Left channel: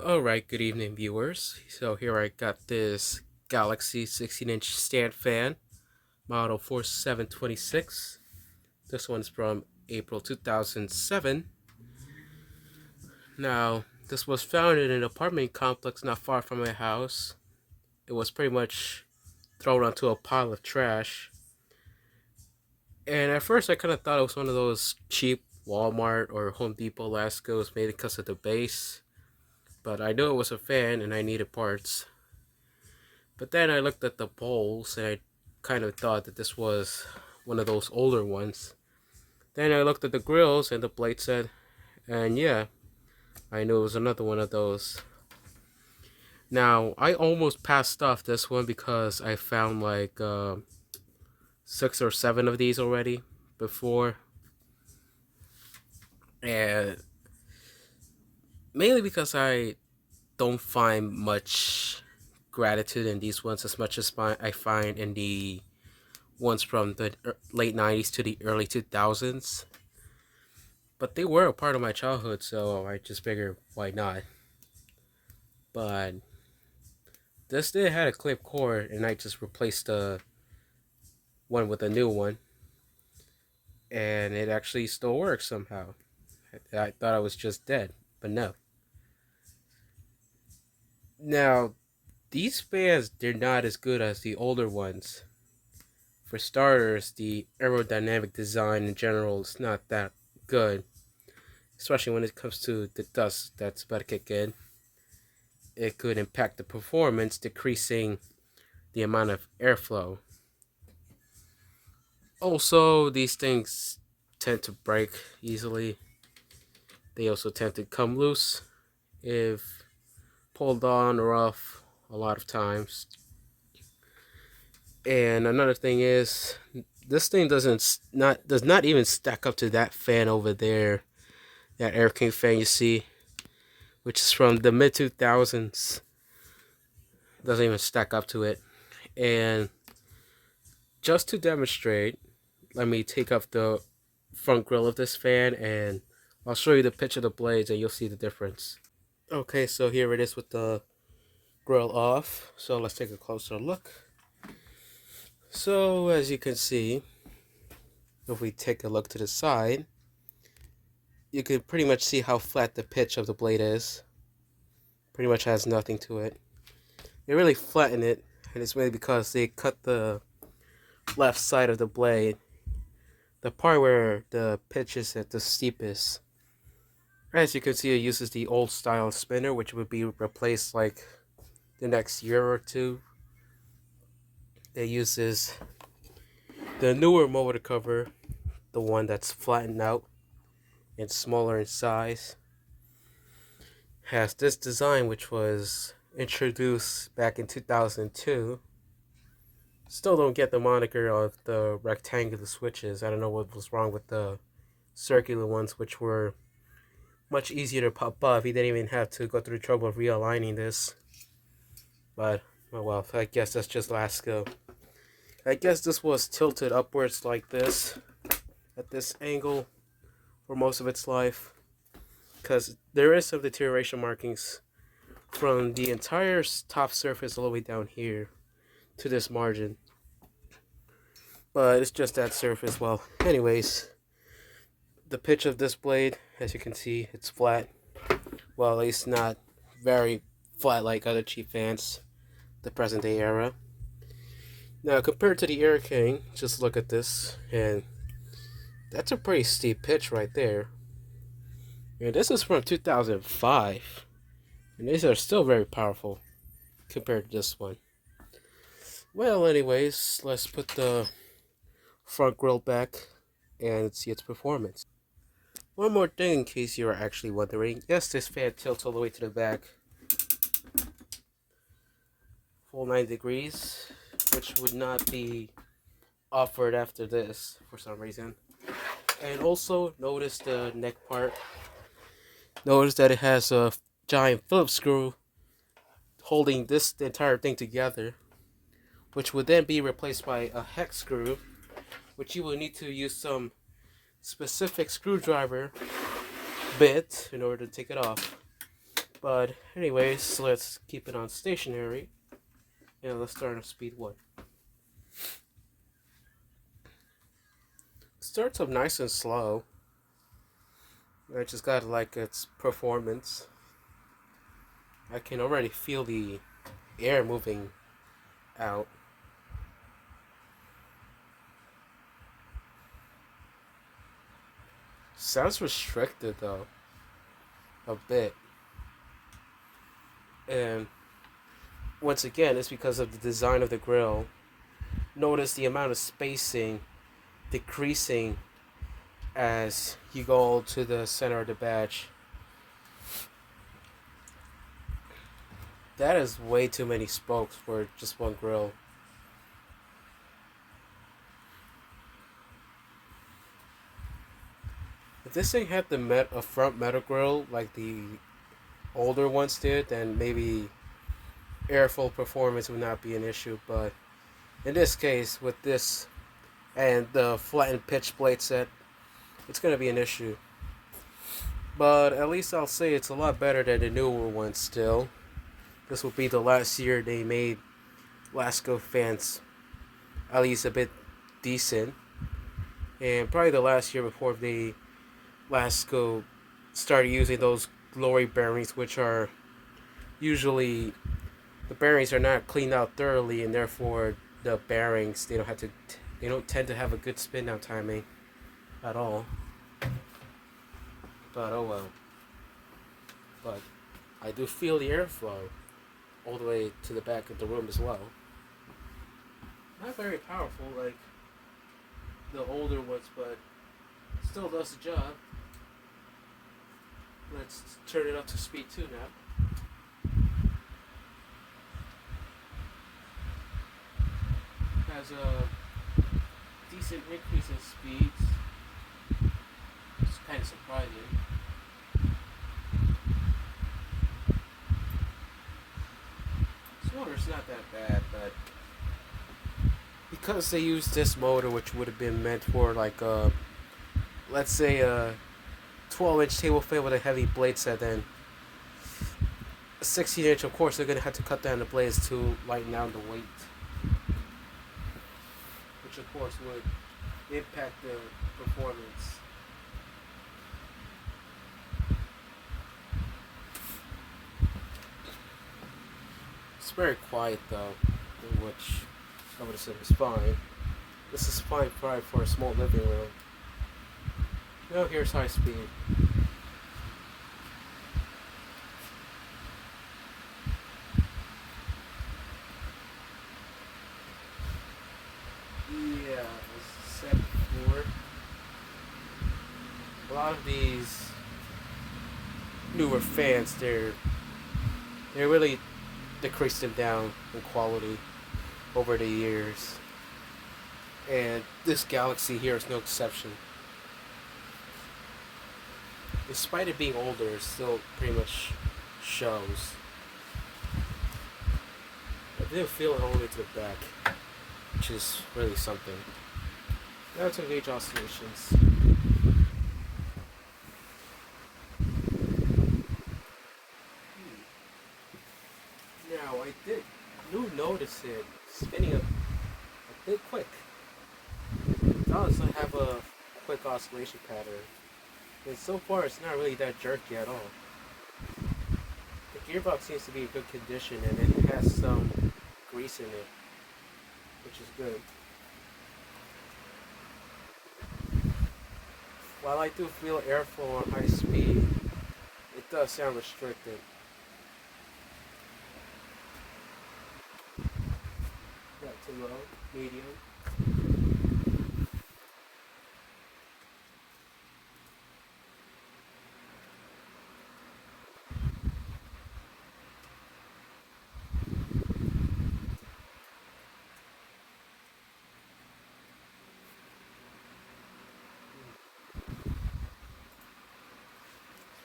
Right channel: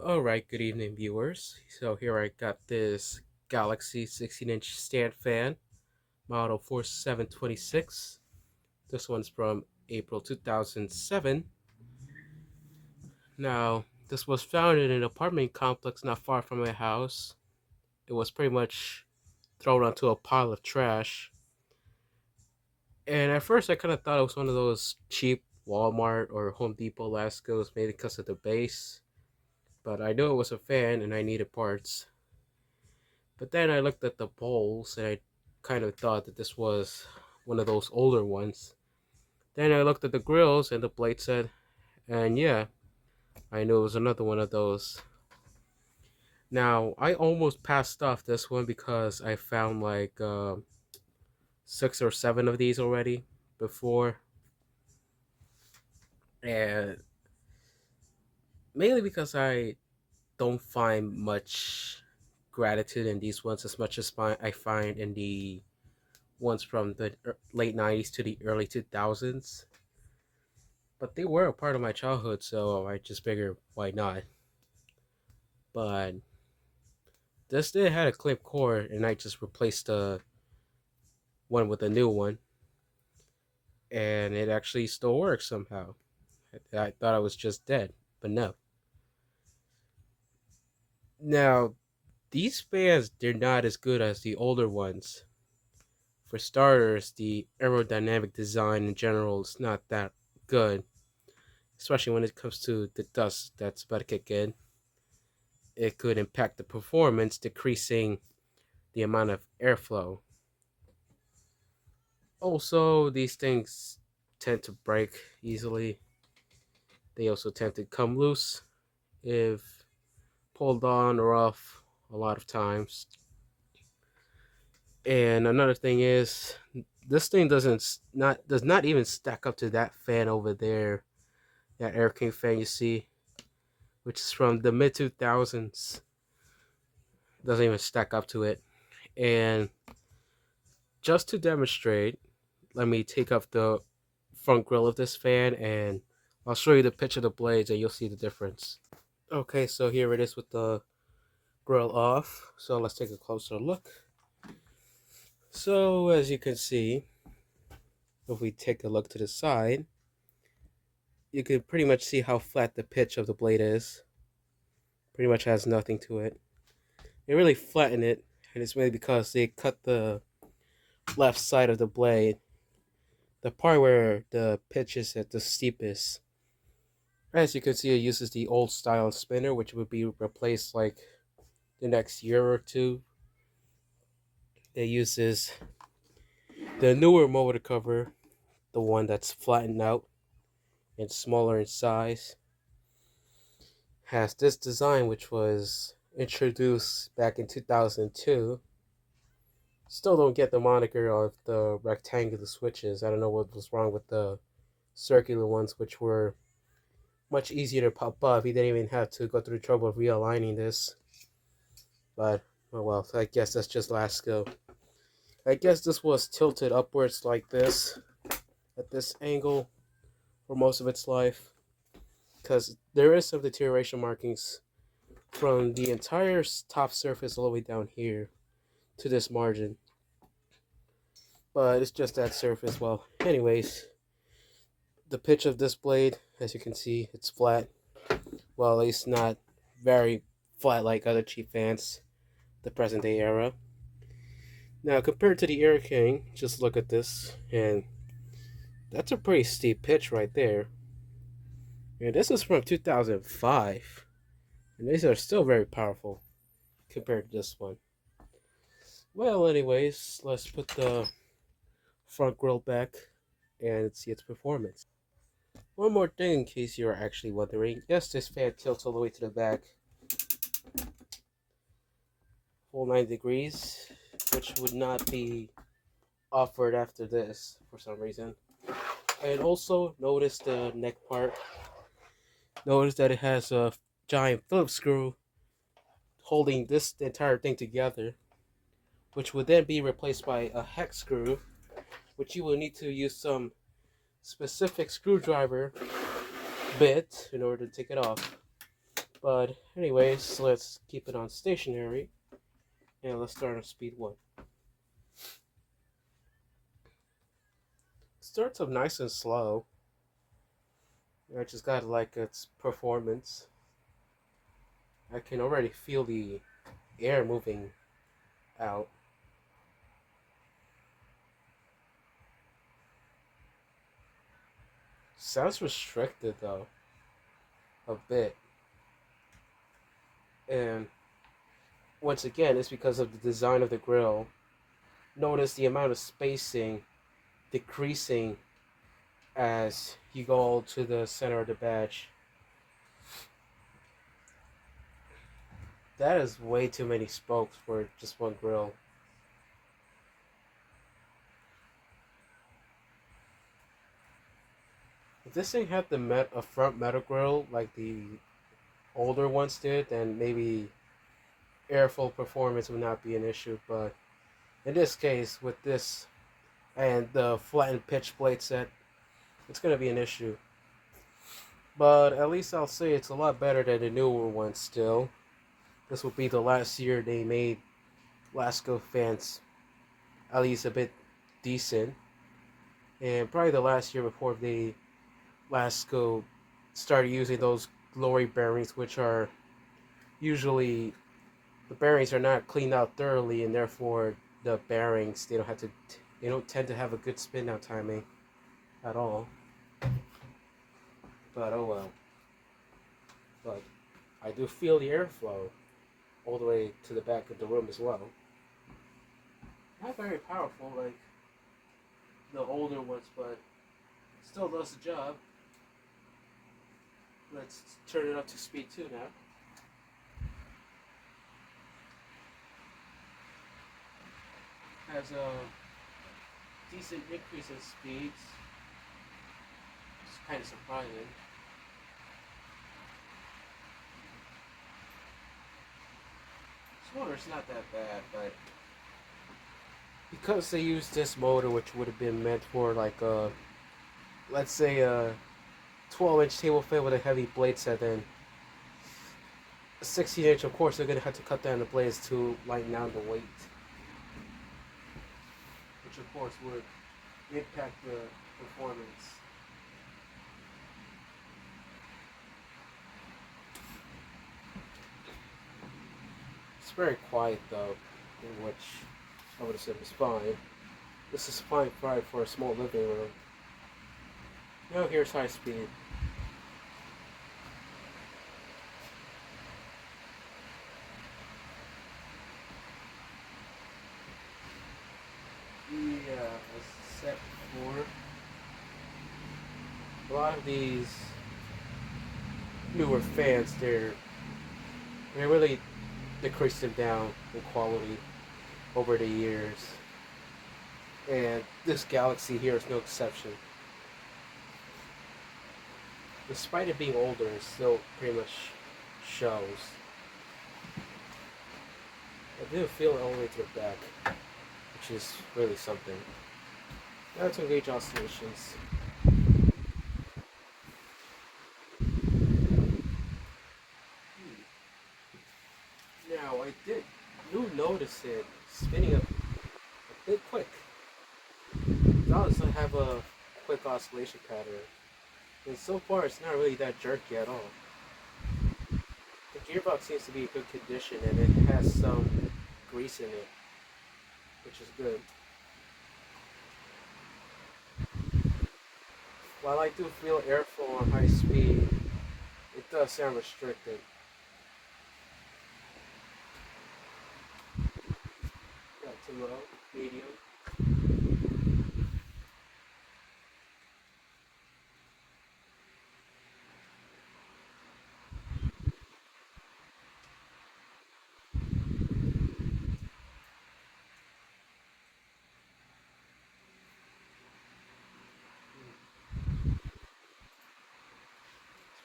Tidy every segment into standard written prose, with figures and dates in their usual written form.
Alright, good evening, viewers. So here I got this Galaxy 16-inch stand fan, model 4726. This one's from April 2007. Now, this was found in an apartment complex not far from my house. It was pretty much thrown onto a pile of trash. And at first, I kind of thought it was one of those cheap Walmart or Home Depot Lascos made because of the base. But I knew it was a fan and I needed parts. But then I looked at the poles and I kind of thought that this was one of those older ones. Then I looked at the grills and the blade said, and yeah, I knew it was another one of those. Now, I almost passed off this one because I found like 6 or 7 of these already before. And mainly because I don't find much gratitude in these ones as much as I find in the ones from the late 90s to the early 2000s. But they were a part of my childhood, so I just figured why not. But this did had a clip cord, and I just replaced the one with a new one, and it actually still works somehow. I thought I was just dead, but no. Now, these fans, they're not as good as the older ones. For starters, the aerodynamic design in general is not that good, especially when it comes to the dust that's about to kick in. It could impact the performance, decreasing the amount of airflow. Also, these things tend to break easily. They also tend to come loose if pulled on or off a lot of times. And another thing is, this thing does not even stack up to that fan over there, that Air King fan you see, which is from the mid 2000s. Doesn't even stack up to it. And just to demonstrate, let me take off the front grill of this fan and I'll show you the pitch of the blades and you'll see the difference. Okay, so here it is with the grill off. So let's take a closer look. So as you can see, if we take a look to the side, you can pretty much see how flat the pitch of the blade is. Pretty much has nothing to it. They really flatten it, and it's mainly because they cut the left side of the blade, the part where the pitch is at the steepest. As you can see, it uses the old style spinner, which would be replaced like the next year or two. It uses the newer motor cover, the one that's flattened out and smaller in size. Has this design, which was introduced back in 2002. Still don't get the moniker of the rectangular switches. I don't know what was wrong with the circular ones, which were much easier to pop off. He didn't even have to go through the trouble of realigning this. But, oh well, I guess that's just Lasco. I guess this was tilted upwards like this, at this angle, for most of its life. Because there is some deterioration markings from the entire top surface all the way down here to this margin. But it's just that surface. Well, anyways, the pitch of this blade, as you can see, it's flat. Well, at least not very flat like other cheap fans, the present day era. Now, compared to the Air King, just look at this, and that's a pretty steep pitch right there. And this is from 2005, and these are still very powerful compared to this one. Well, anyways, let's put the front grille back and see its performance. One more thing in case you are actually wondering. Yes, this fan tilts all the way to the back. Full 90 degrees, which would not be offered after this for some reason. And also, notice the neck part. Notice that it has a giant Phillips screw holding this entire thing together, which would then be replaced by a hex screw, which you will need to use some specific screwdriver bit in order to take it off. But anyways, let's keep it on stationary and let's start on speed 1. It starts off nice and slow. I just got like its performance. I can already feel the air moving out. Sounds restricted though, a bit. And once again, it's because of the design of the grill. Notice the amount of spacing decreasing as you go to the center of the batch. That is way too many spokes for just one grill. If this thing had a front metal grill like the older ones did, then maybe airflow performance would not be an issue. But in this case, with this and the flattened pitch blade set, it's going to be an issue. But at least I'll say it's a lot better than the newer ones still. This will be the last year they made Lasko fans at least a bit decent. And probably the last year before they Lasko started using those glory bearings, which are usually the bearings are not cleaned out thoroughly, and therefore the bearings they don't tend to have a good spin down timing at all. But oh well. But I do feel the airflow all the way to the back of the room as well. Not very powerful like the older ones, but still does the job. Let's turn it up to speed 2 now. Has a decent increase in speeds. It's kind of surprising. This motor's not that bad, but because they use this motor, which would have been meant for like let's say a 12-inch table fan with a heavy blade set, then a 16-inch, of course, they're going to have to cut down the blades to lighten down the weight, which of course would impact the performance. It's very quiet though, which I would have said is fine. This is fine for a small living room. Now here's high speed. Yeah, as I said before, a lot of these newer fans, they're really decreasing down in quality over the years, and this Galaxy here is no exception. Despite it being older, it still pretty much shows. I didn't feel it all the way to the back, which is really something. Now to gauge oscillations. Now I do notice it spinning a bit quick. Does not have a quick oscillation pattern. And so far, it's not really that jerky at all. The gearbox seems to be in good condition, and it has some grease in it, which is good. While I do feel airflow on high speed, it does sound restricted. Not too low, medium.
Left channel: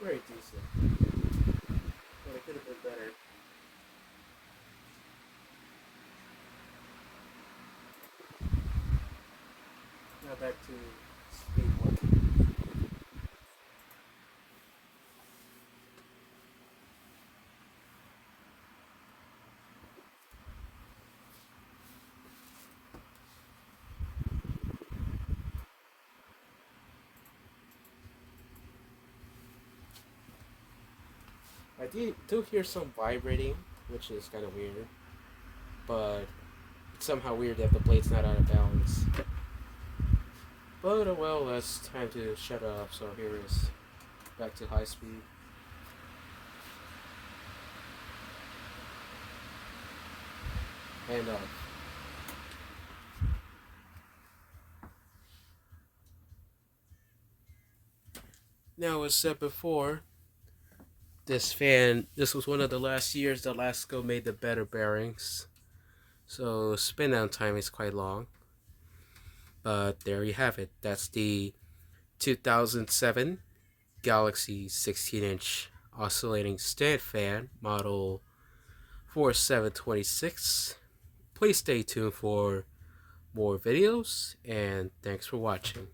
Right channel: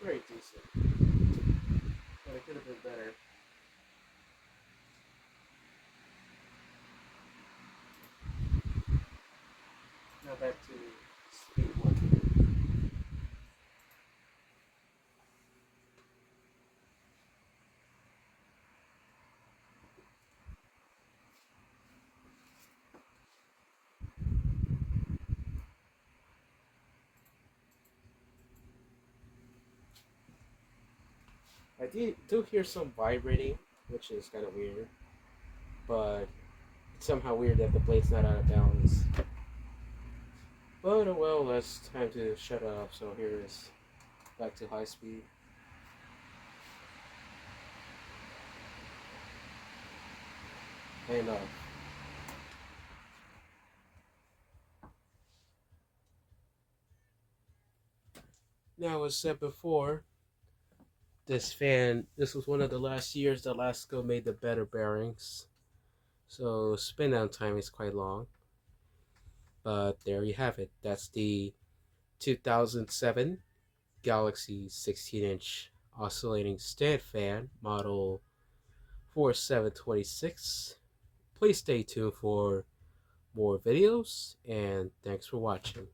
Very decent. But it could have been better. Now back to speed 1. I do hear some vibrating, which is kind of weird, but it's somehow weird that the blade's not out of balance. But oh well, that's time to shut it off. So here it is, back to high speed. And now, as said before, this was one of the last years that Lasco made the better bearings. So spin down time is quite long. But there you have it. That's the 2007 Galaxy 16-inch oscillating stand fan model 4726. Please stay tuned for more videos, and thanks for watching.